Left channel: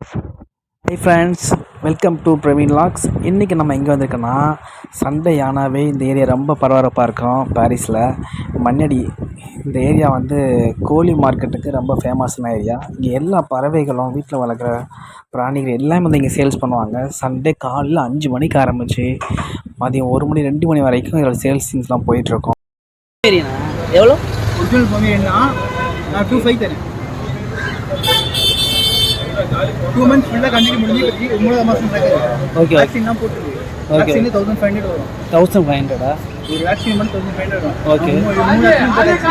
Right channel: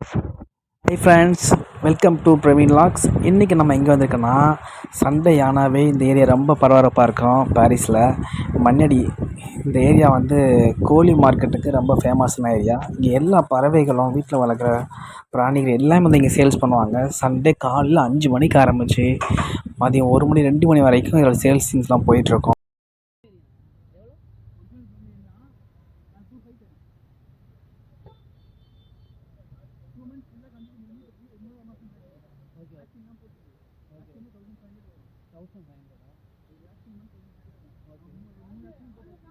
High friends, welcome to Praveen logs. இன்றைக்கி நம்ம எங்கே வந்திருக்கோன்னா, சண்டே ஆனாவே இந்த ஏரியா ரொம்ப பரபரப்பாக இருக்கும். பாரிஸில் மண்ணடி இந்த ஏரியா வந்து கோழி மார்க்கெட்டுக்கு ரொம்ப ஃபேமஸான ஏரியா. இங்கே எல்லா பறவைகளும், வீட்டில் வளர்க்குற பிராணிகள் எல்லாமே வந்து இங்கே சேல்ஸ் பண்ணுவாங்க. சண்டே காலையில் 5 மணிக்கு ஆரம்பித்து மதியம் 1 மணி 2 மணி வரைக்கும் இதில் சேல்ஸிங்ஸ்லாம் போயிட்டுருக்கோம். எவ்வளோ ஒரிஜினல் பொம்மையன்னா நான் 2.5 தரேன். 2 months ஃபுல்லாக கண்டினியூ முடிஞ்சு 9 மாதம் ஓகே வேக்சின்லாம் போட்டுருக்கு. வேக்சின் 1500 வரும். 1500 ஒரு வேக்சின் மட்டும் 1500 வரும். ஓகே மூணு வேக்சின் போட்டாச்சு.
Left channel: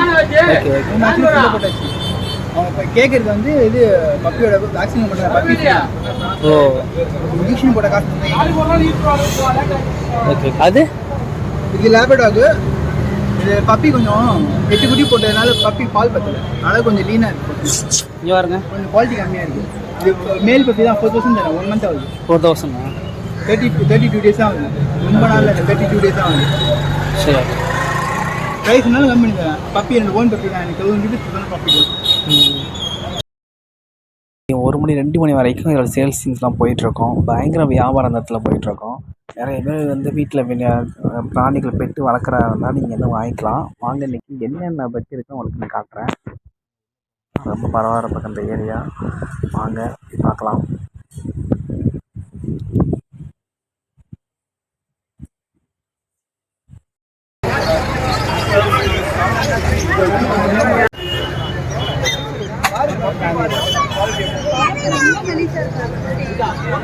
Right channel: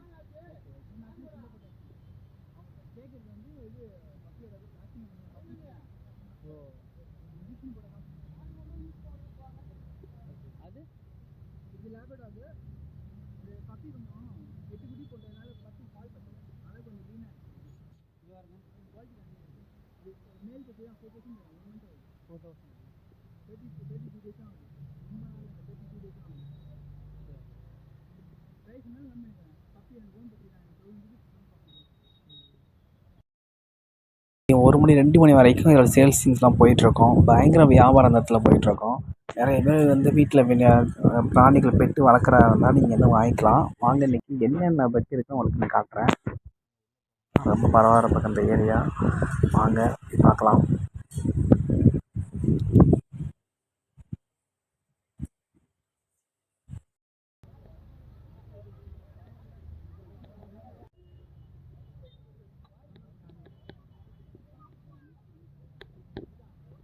ஓகே மூணு வேக்சின் ஃபுல்லாக போட்டாச்சு. அவங்க இப்போ கேட்குறது வந்து இது பப்பியோட வேக்சின் போட்ட பப்பி. ஓ இன்ஜெக்ஷன் போட்ட காசு. ஓகே அது இது லேபடாகு. இது பப்பி கொஞ்சம் 8 குட்டி போட்டதுனால பப்பி பால் பத்தல, அதனால கொஞ்சம் லீனாக இருக்குது. இங்கே பாருங்க, கொஞ்சம் குவாலிட்டி கம்மியாக இருக்குது. இது மேல் பப்பி தான் 4000 தரேன். 1 month ஆகுது. 4000 32 days தான் ஆகுது. ரொம்ப நாள் இல்லை, 32 days தான் ஆகுது. சரி. ப்ரைஸ்னாலும் கம்மி பண்ணுறேன். பப்பி எனக்கு ஓன் பப்பி தான். எனக்கு 1000 rupees பப்பி. 1 மணி 2 மணி வரைக்கும் இதில் சேல்ஸிங்ஸ்லாம் போயிட்டுருக்கோம். பயங்கர வியாபாரம் அந்த இடத்துல போயிட்டுருக்கோம். நிறைய பேர் வந்து வீட்டில் பிராணிகள் பெட்டு வளர்க்குறாருன்னா நீங்கள் வந்து வாங்கிக்கலாம். வாங்க, இன்றைக்கி என்னென்ன பெட் இருக்குன்னு உங்களுக்கு நான் காட்டுறேன். ரொம்ப பரபரப்பாக இந்த ஏரியா. வாங்க பார்க்கலாம்.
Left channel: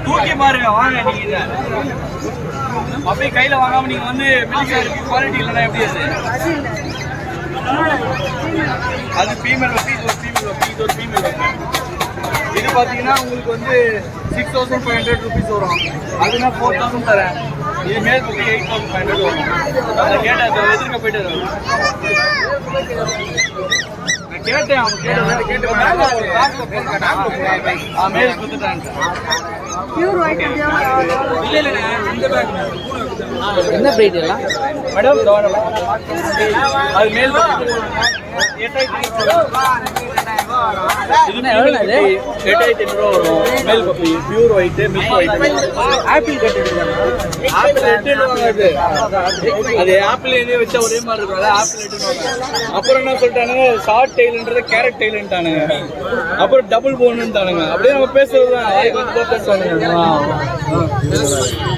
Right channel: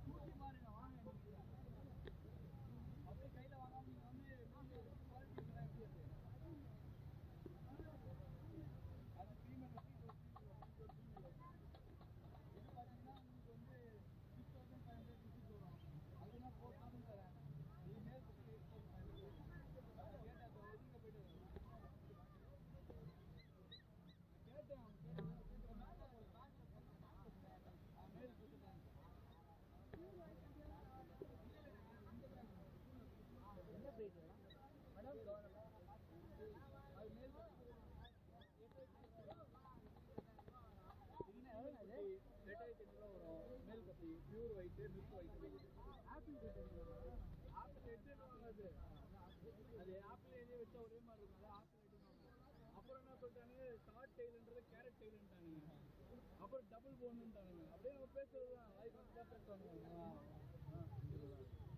தூக்கி பாருங்க, வாங்க. நீங்க அப்படியே கையில வாங்காம நீங்க வந்து மில்க் குவாலிட்டி இல்லைன்னா எப்படி அது ஃபீமேல் வப்பி, இது ஒரு ஃபீமேல் வப்பி, இது ஒரு ஃபீமேல் வப்பி. இது பார்த்தீங்கன்னா உங்களுக்கு வந்து 6500 rupees வரும். அதுனா 4000 தரேன். இது மேல் பப்பி 8500 வரும். அதை கேட்ட எதிர்க்க போயிட்டு கேட்டேன். அவங்க கேட்டு மேல் கொடுத்துட்டாங்க. என்ன பிரீட் எல்லாம் மேடம்? அது மேல் பப்பி 8500 வரும். Male puppy pure white, milk white. Apple cut apple எட்டு அது ஆப்பிள் எண்ணெய் வச்சா ஒரே மாதிரி இருக்கும். ஆப்பிள் எட்டு. அப்புறம் என்ன சொல்லிட்டானுங்க, ஷார்ட் டெய்ல்ன்றது கேரட் டெய்ல்ன்ட்டானுங்க. அப்புறம் டபுள் போன்னுட்டானுங்க. அப்படியே நம்ம பேசுறது தான். பேசுவானுங்க.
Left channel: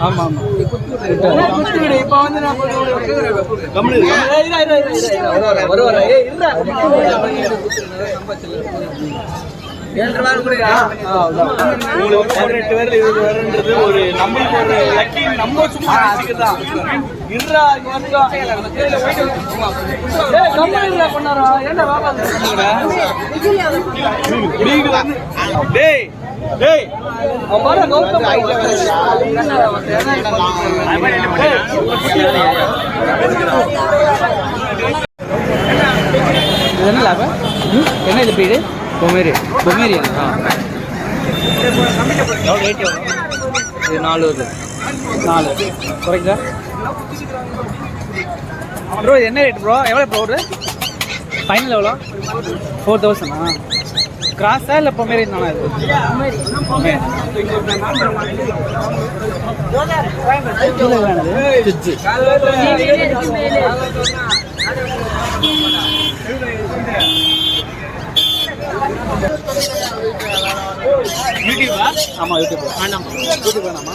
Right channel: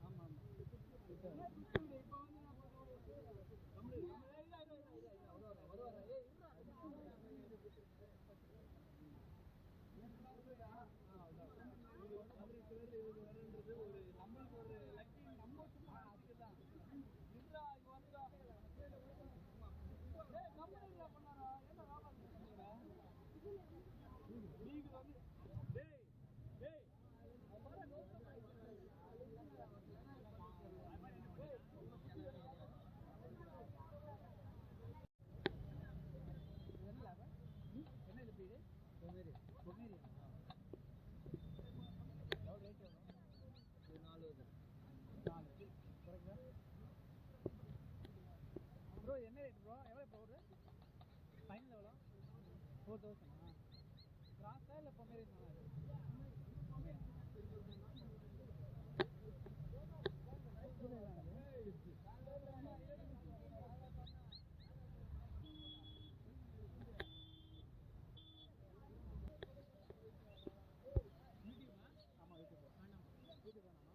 ஆமா ஆமா. இப்போ வந்து நான் உங்களுக்கு 18 பேர் 20 பேருன்றது ஒரு நம்மளுக்கு ஒரு லக்கி. நம்ம சும்மா தான் இருறா பண்ணாரா? ஏன்டா டேய் டேய் என்ன லாபம்? என்ன இது பிரீடு? பொமேரியன். எவ்வளோ ரேட்? எவ்வளோ? இது 4 வருது. 4 குறைக்குதா ப்ரோ? இது என்ன ரேட் ப்ரோ? எவ்வளோ ப்ரோ? ஒரு ஃபைனல் எவ்வளோ? 4000. கிராஸா இல்லை பொமேரியன் தானே? இது யூடியூபா? ஆமாம், யூடியூப் வேணாமா? யூடியூப் வேணாமா?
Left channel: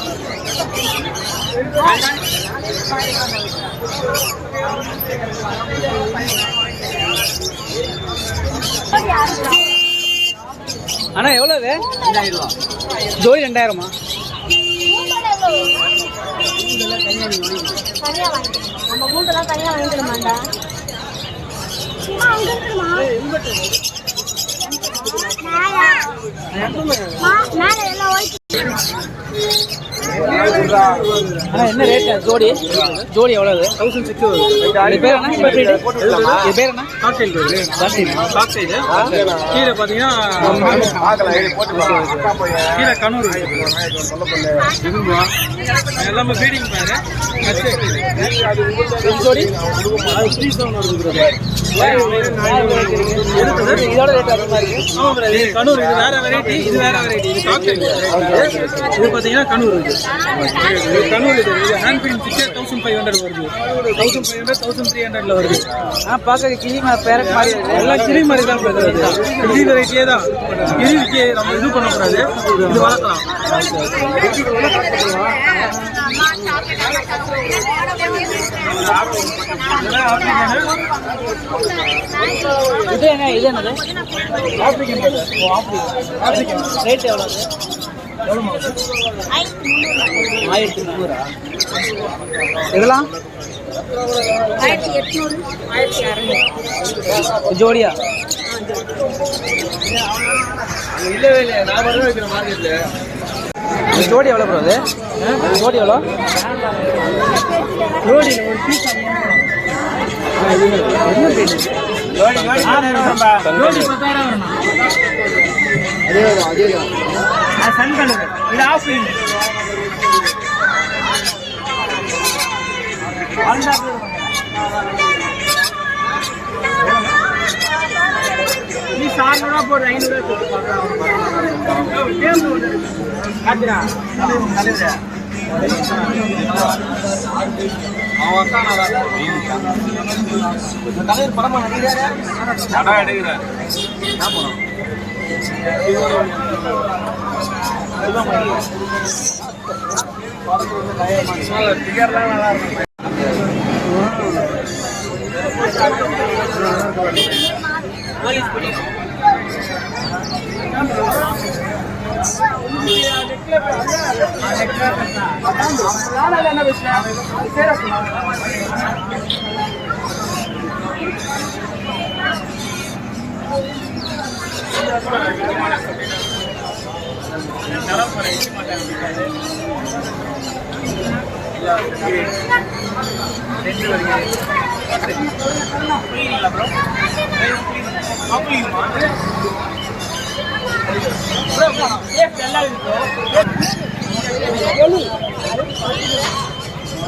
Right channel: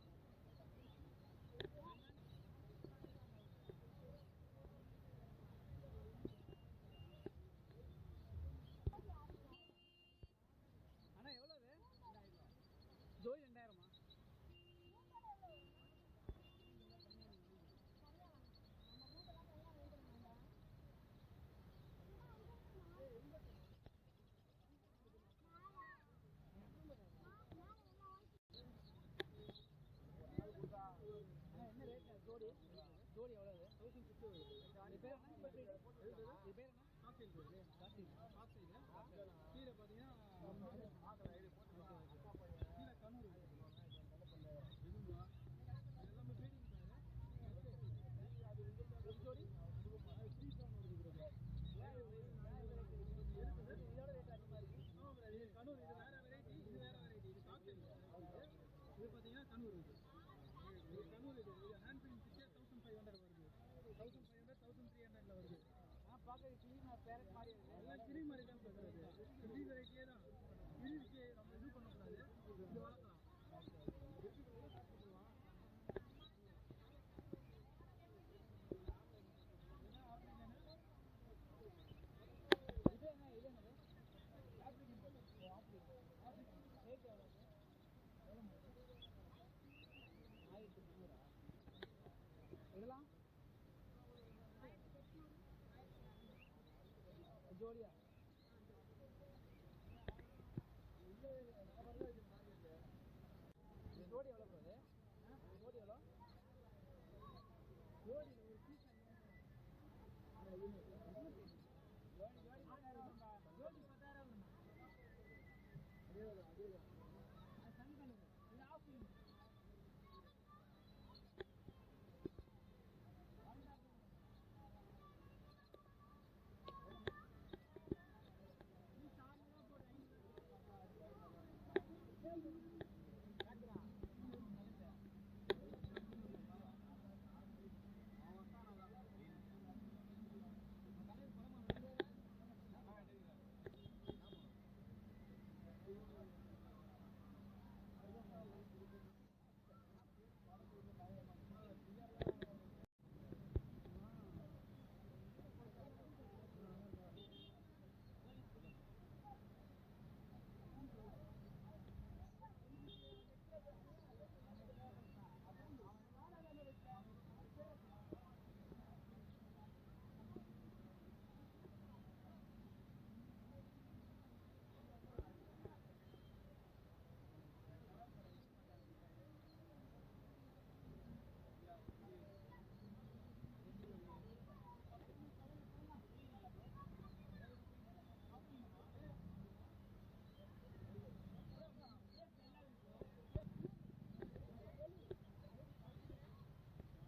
அண்ணா எவ்வளோ? 2000. ஜோடி 2000மா? நம்ம கூண்டெல்லாம் தனியாக வாங்கிக்கணுமாண்டா? மேலே எல்லாம் என்ன ரேட் ஜோடி எவ்வளோ 1600 இது பேர் என்ன இது பேர் என்ன காக்டெயில் கீழே பார்த்தீங்கன்னா கீழே கனூர் இதுங்களா எல்லாமே ஃபீடிங் பேர் ஜோடி இதோட ரேட் அதிகமாக இருக்குது கனூர் இது வேற வெரைட்டி இது வேற வெரைட்டி இது காக்டெயில் இது பார்த்தீங்கன்னா கனூர் இது கனூர் இது ஹேண்ட் பெயிண்ட் 1500 வருது 1500 1300 வருது பார்க்க கிளி பேரட் மாதிரி எல்லாம் கிளி மாதிரி தான் கிளி வெரைட்டியே தான் கிளிக்கு நம்ம இது பண்ணக்கூடாது இது வளர்க்கலாம் இது என்னது ஆப்பிரிக்கன் ரேட் எவ்வளோ 1300 இதெல்லாம் 1800 ஜோடியா இல்லவே இல்லை நான் மட்டும் வைக்கிற மார்க்கெட்ல ஜோடி எவ்வளோ ப்ரோ அது ஜோடி எவ்வளோ ஜோடி ஒரு பீஸ் ஜோடி 10,000 அதேதான் சன் கலர் இது ஆஃப்லைன் நீ 400 போடு 500 போட்டு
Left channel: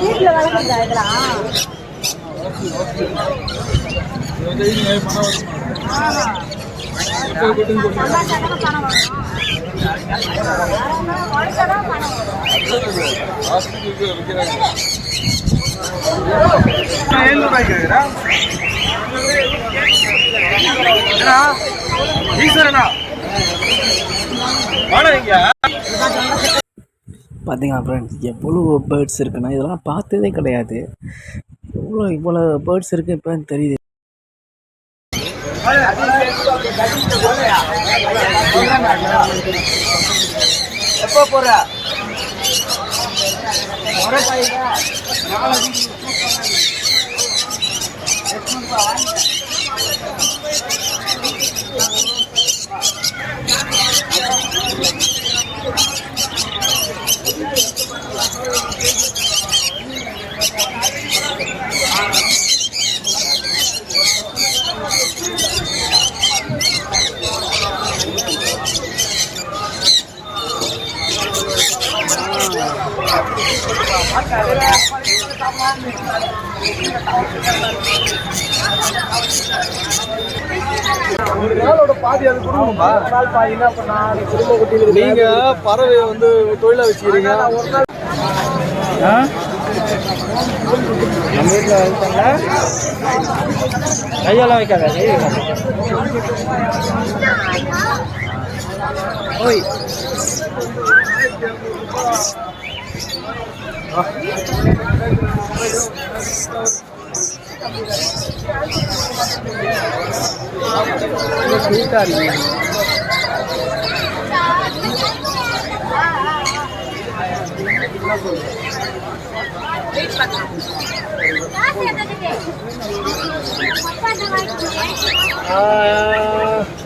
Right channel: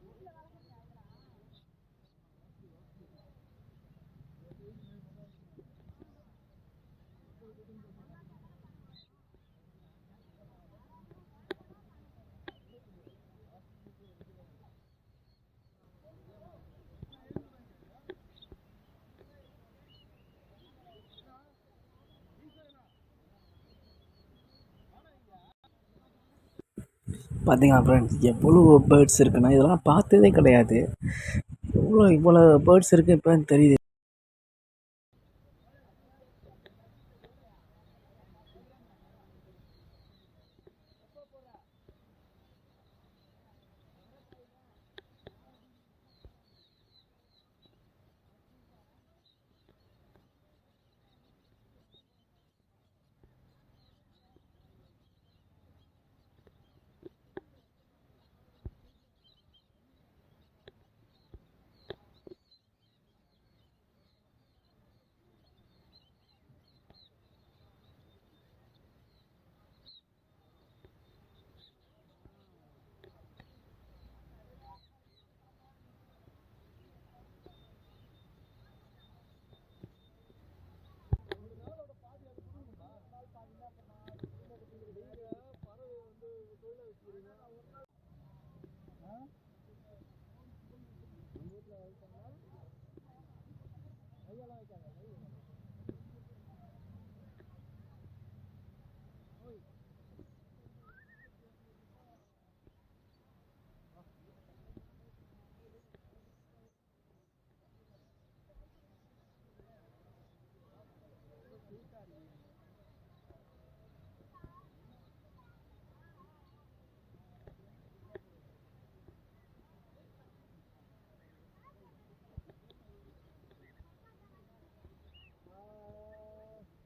வீட்டில் வளர்க்குறதா இதெல்லாம் பார்த்தீங்களா ஃப்ரெண்ட்ஸ் எவ்வளோ பேர்ட்ஸ் இருக்குன்னா இதெல்லாம் பார்த்ததே கிடையாது. இவ்வளோ பேர்ட்ஸ் இருக்குது இப்போ தெரியுது. எப்போ போற பாதி அது கொடுக்கணுமா? நீங்க பறவை வந்து தொழிலா வச்சுக்கிறீங்க. நம்ம வீட்டில் கையெல்லாம் வைக்காத ஓய் ஸ்வீட்டாக இருக்கு.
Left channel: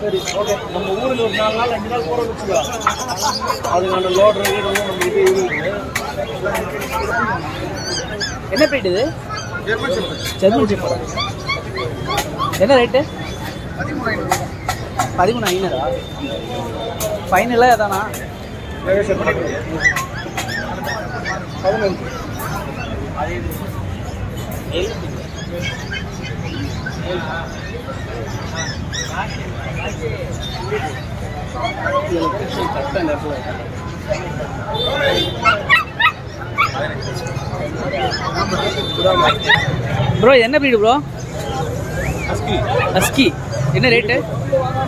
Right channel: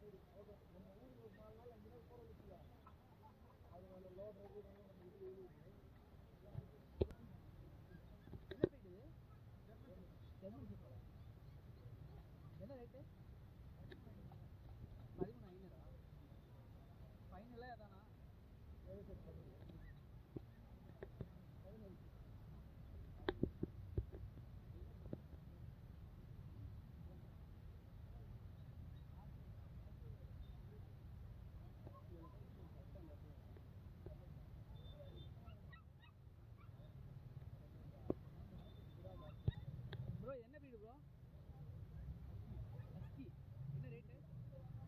சரி ஓகே. நம்ம ஊருக்கு ஒரு 4 நாள் 5 நாள் போகிறோம்னு வச்சுக்கோ. அதுக்கான லோடு நம்ம இது இருக்குது. என்ன ப்ரீட் இது? German shepherd. என்ன ரேட்டு? 13,500. ஃபைனலாக எதானா? ப்ரோ என்ன ப்ரீடு ப்ரோ? ஹஸ்கி. என்ன ரேட்டு?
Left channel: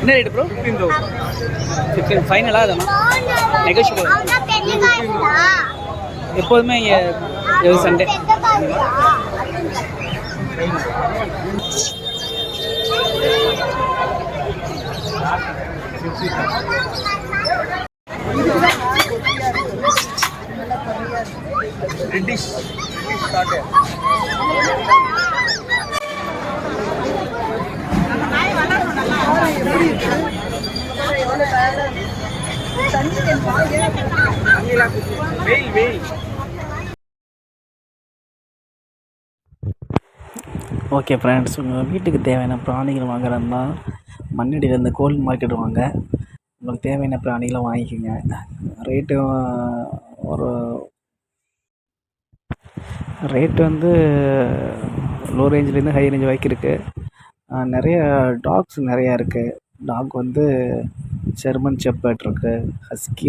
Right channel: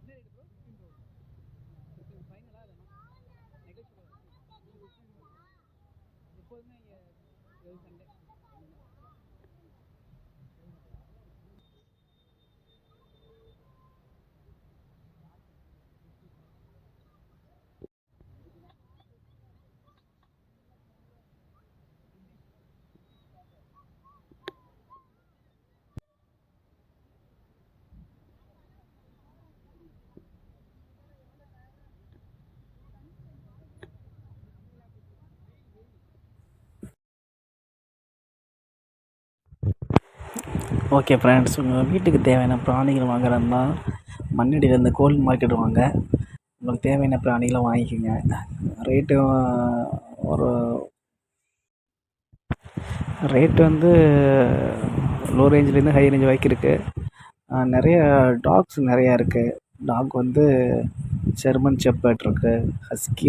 என்ன ரேட்டு ப்ரோ? 15,000. ஃபைனலாக அதானா? நெகோஷியபிள். எப்போதுமே இங்கே சண்டே. பிரிட்டிஷ் வெயில் வெயில். ஓகே ஃப்ரெண்ட்ஸ், உங்கள் வீட்டுக்கு தேவையான பிராணிகள் வாங்குறதுனா மண்ணடியில் இந்த கோழி மார்க்கெட் வாங்க. உங்களுக்கு தேவையான பிராணிகளை வாங்கிக்கோங்க. ரேட்டு வந்து லோ ரேஞ்சிலேருந்து ஹை ரேஞ்ச் வரைக்கும் இருக்குது. நிறைய டாக்ஸ் நிறையா இருக்குது. டாக் வந்து ஜெர்மன் ஷெப்பர்ட் இருக்குது, ஹஸ்கி